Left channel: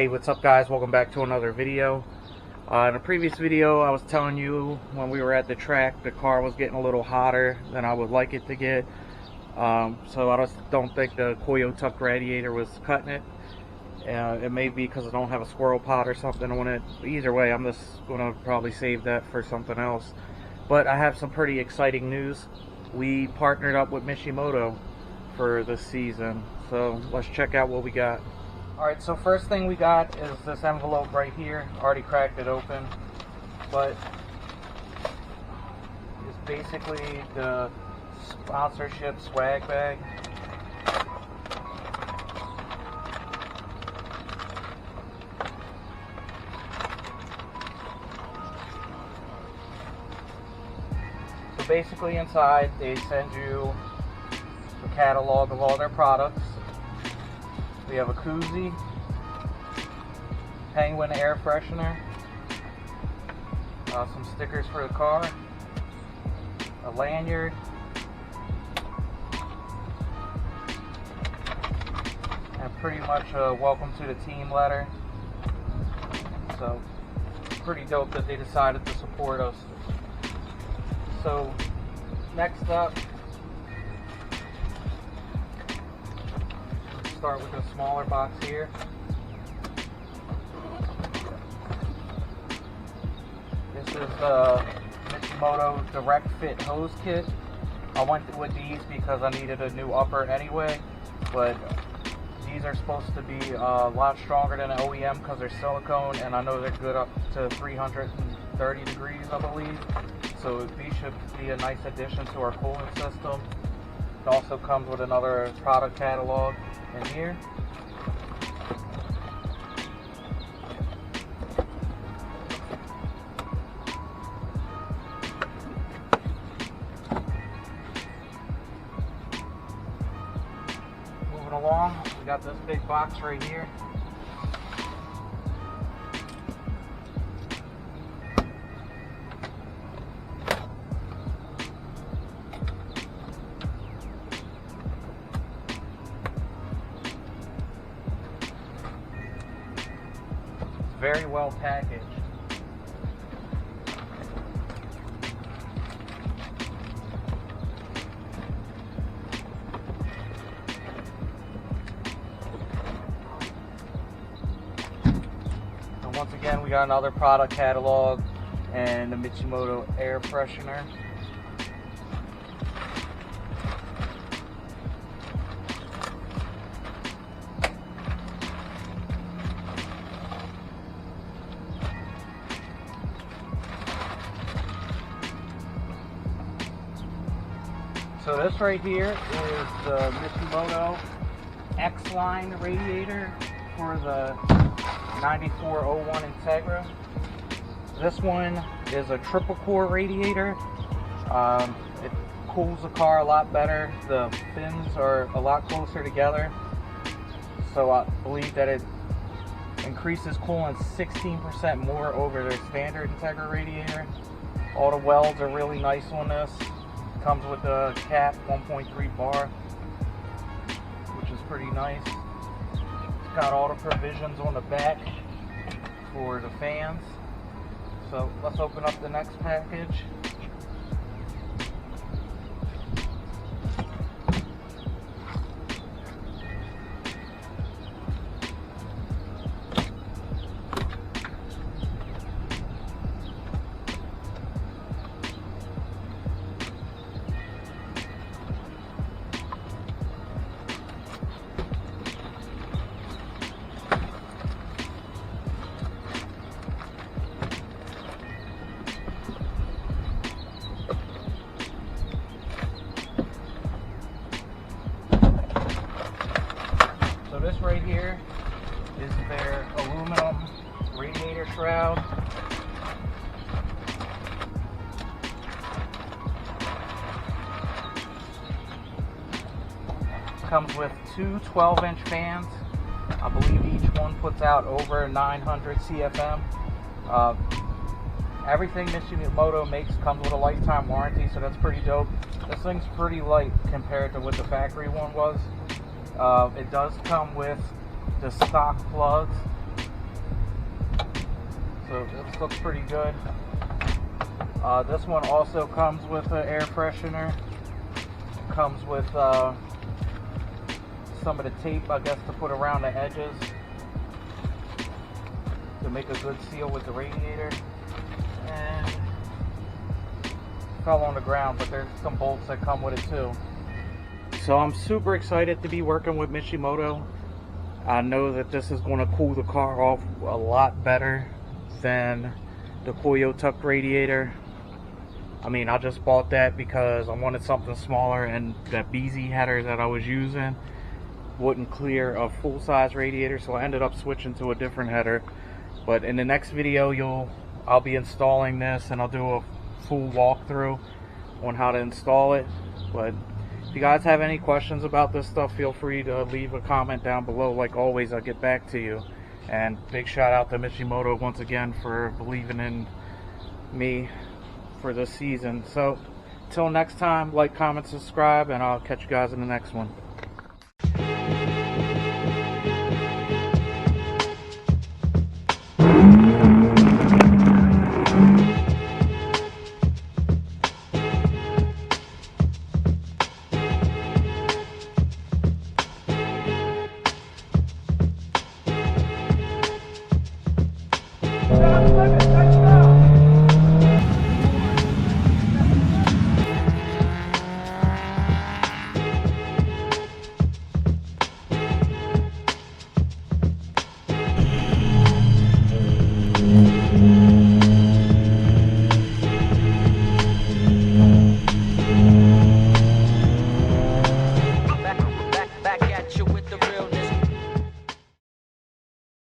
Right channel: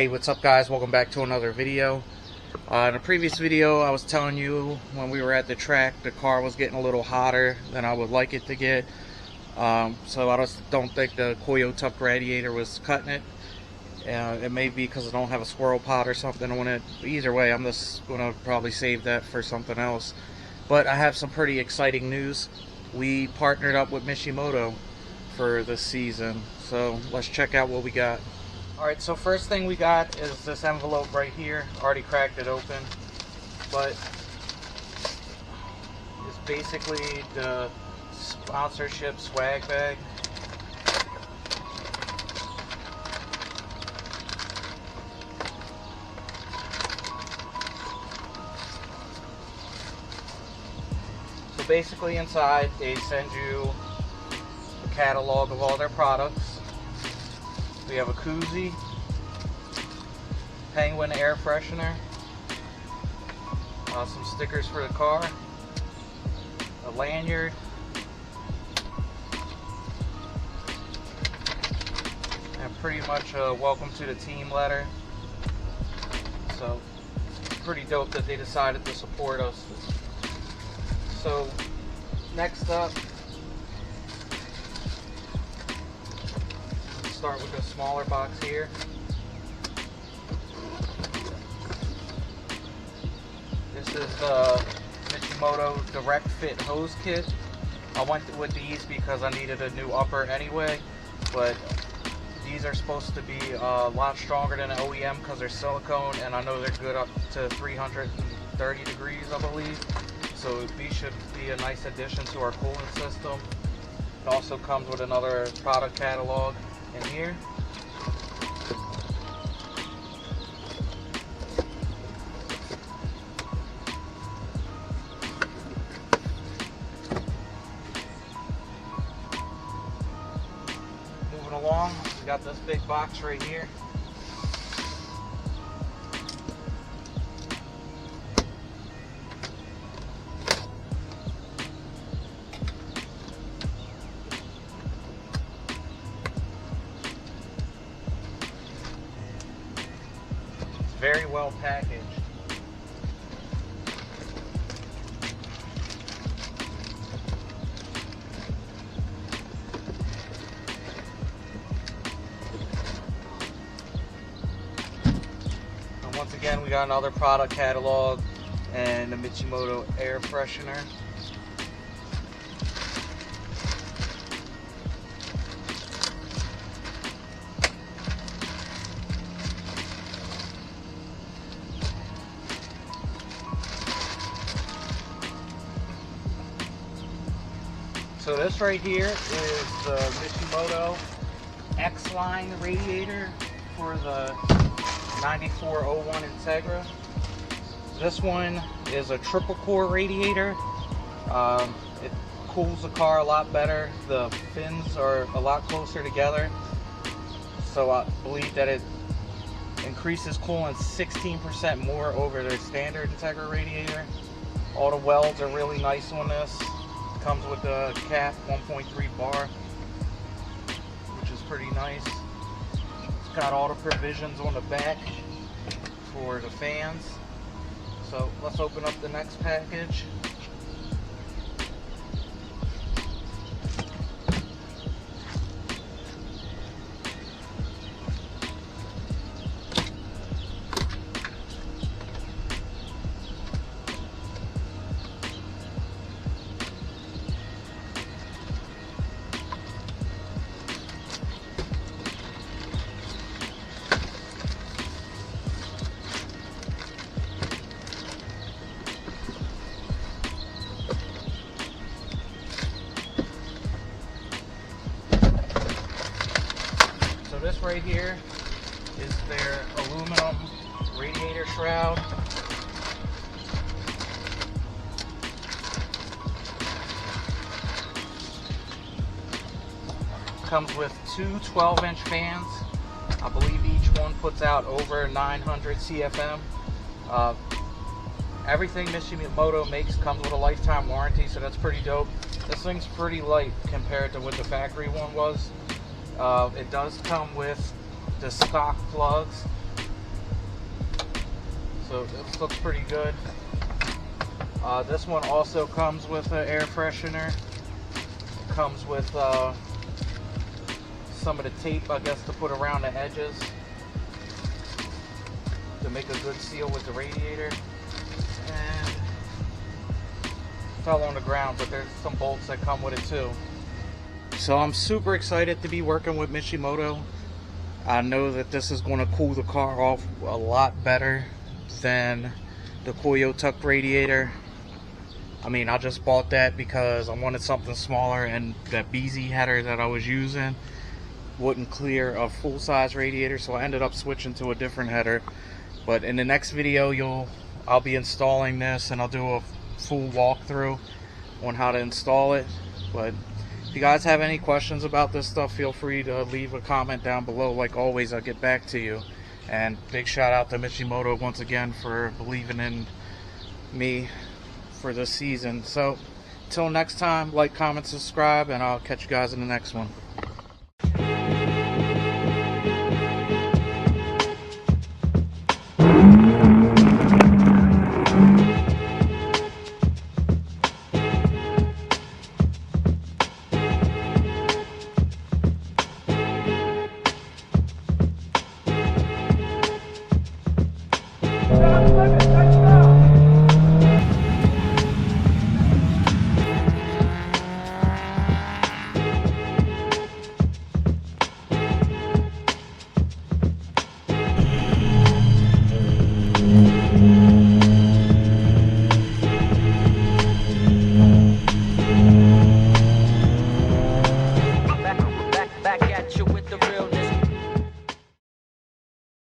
Hey, what's up guys? Welcome back to another video. In a previous video I was telling you when we were at the track the car was getting a little hotter than I would like it to get. So I just don't think the Koyo tuck radiator was cutting it. It may be because I don't have a squirrel pot or something on it. But either way, I'm just going to probably save that for something else. But I have some pretty exciting news. We partnered up with Mishimoto for this season. So let's check out what we got. Alright, so first thing we got is this envelope right here. Already cracked it open. But it's basically the sponsorship swag bag. So basically inside they send you a catalog of all their products. We have a koozie, penguin air freshener, some stickers for the car, a lanyard, and pretty much a welcome to the team letter. So pretty dope that they decided to support us. So next up, start with the smaller box here. This is the Mishimoto Direct Fit hose kit. I went with these because I needed a new upper anyway, but these are supposed to be a lot stronger than OEM because they're silicone, and I know they're good up to 330 degrees, I believe. So these should be a nice addition to our cooling system. It also comes with another product catalog here. Moving along, we got this big box right here. Very well packaged. And once again, we got another product catalog and the Mishimoto air freshener. So this right here is the Mishimoto X-Line radiator for the 9401 Integra. This one is a triple core radiator. It cools the car a lot better. The fins are a lot closer together. So I believe that it increases coolant 16% more over their standard Integra radiator. All the welds are really nice on this. Comes with a cap 1.3 bar, which is pretty nice. It's got all the provisions on the back for the fans. So let's open up the next package. Shroud. Comes with two 12-inch fans. I believe each one puts out over 900 CFM. Everything Mishimoto makes comes with a lifetime warranty, so that's pretty dope. This thing's pretty light compared to what the factory one was. It does come with the stock plugs, good. This one also comes with an air freshener. Comes with some of the tape, I guess, to put around the edges to make a good seal with the radiator. And it fell on the ground, but there's some bolts that come with it too. So I'm super excited to be working with Mishimoto. I know that this is going to cool the car off a lot better than the Koyo Tuck radiator. I mean, I just bought that because I wanted something smaller, and that BZ header that I was using wouldn't clear a full-size radiator, so I ended up switching to a different header. But in the next video, I'll be installing this, and I'll do a full walkthrough on how to install it. But if you guys have any questions about this stuff, feel free to leave a comment down below. Like always, I'll get back to you. And big shout out to Mishimoto once again for believing in me for this season. So until next time, like, comment, subscribe, and I'll catch you guys in the next one. Back at you with the realness.